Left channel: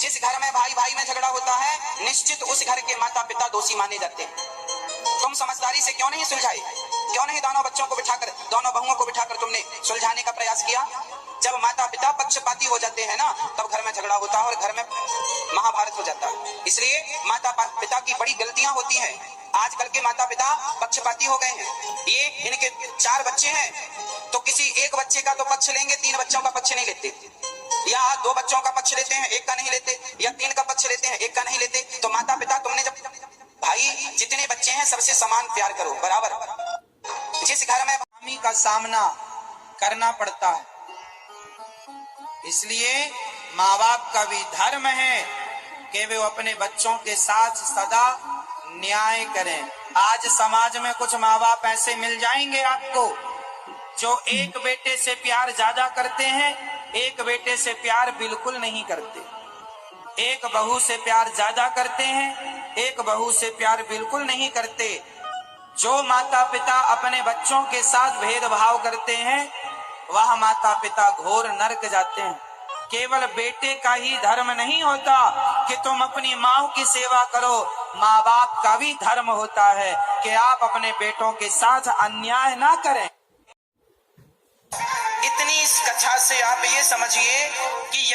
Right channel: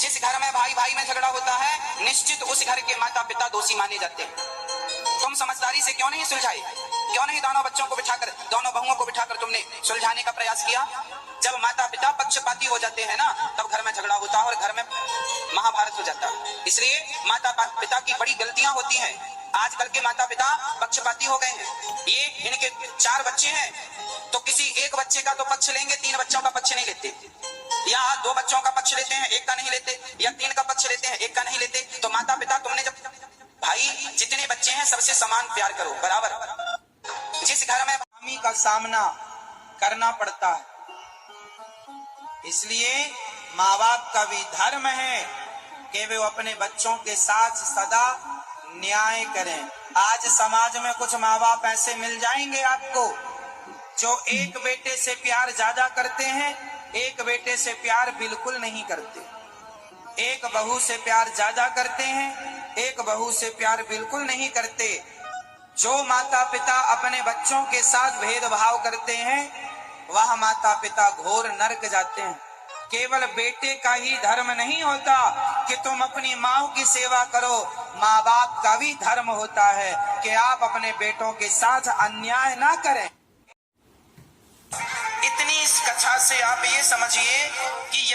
जिस घर में भाई भाई में झगड़ा होता है, निश्चित उस घर के माता पिता दोषी माने जाते हैं। तुम समझदारी से क्यों नहीं सुलझाए? क्यों नहीं दोनों बच्चों को बिठाकर, दोनों बहुओं को बिठाकर तुमने सुलझाने का प्रयास किया? जब माता पिता पक्षपाती हो जाते हैं ना, तब घर में झगड़ा होता है और घर में महाभारत हो जाता है। इसलिए माता पिता की बड़ी गलतियां होती हैं। आजकल के माता पिता पक्षपाती हो गए हैं। ये इनके 4 बच्चे हैं तो किसी एक बच्चे का तो पक्ष लेंगे, 3 बच्चों का पक्ष नहीं लेते, या 2 बच्चों का पक्ष लेते हैं, 1 का नहीं लेते, या 3 का पक्ष लेते हैं, 1 का नहीं लेते। तो माता पिता, तुमने जब भाई जितने बच्चे हैं सबसे समान प्यार करो, बराबर। जिस घर में खामी का सामना करना पड़ता है, इसलिए माँ बाप का भी धर्म है कि वे अपने बच्चों के साथ सदा न्याय करें। आज समाज में कुछ माँ बाप ऐसे मिल जाएंगे आपको जो एक बेटे से प्यार ज्यादा करते हैं, एक बेटे से प्यार बिल्कुल नहीं करते। एक बहू से प्यार ज्यादा करते हैं, एक बहू से प्यार बिल्कुल नहीं करते। जो माता पिता अपने बच्चों के साथ भेदभाव करते हैं, वह माता पिता घोर नरक जाते हैं। केवल बेटे का ही धर्म नहीं होता कि तुम अपनी माँ की सेवा करो, माँ बाप का भी धर्म होता है कि आप अपने बेटों के साथ अन्याय ना करें। इतनी इस कथा से आप ये समझिए कि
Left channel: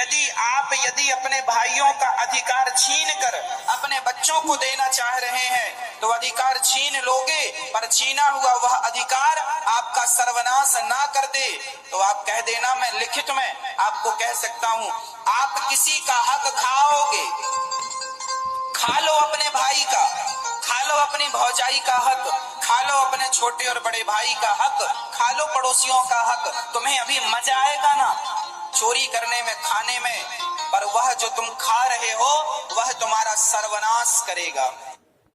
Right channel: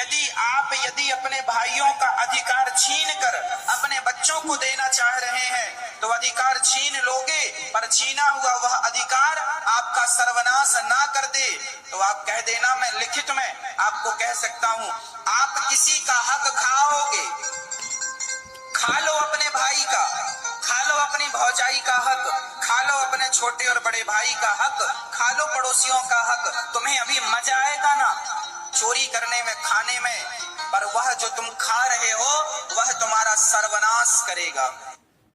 यदि अपने भाइयों का अधिकार छीन कर अपने बच्चों को देना चाह रहे हैं तो अधिकार छीन लोगे, पर छीना हुआ वह अधिकार आपका सर्वनाश ना कर दे तो आप कह देना, मैं लिखित में आपको कह सकता हूँ, आप किसी का हक खाओगे, खा लो अपने भाई का, खा लो अपनी भौजाई का हक, खा लो अपने छोटे और बड़े भाई का हक, खा लो पड़ोसियों का हक। तुम्हें अभी मजा आएगा ना चोरी करने में, खाने में, पर वह जो तुम खा रहे हो वह तुम्हारा सर्वनाश करेगा।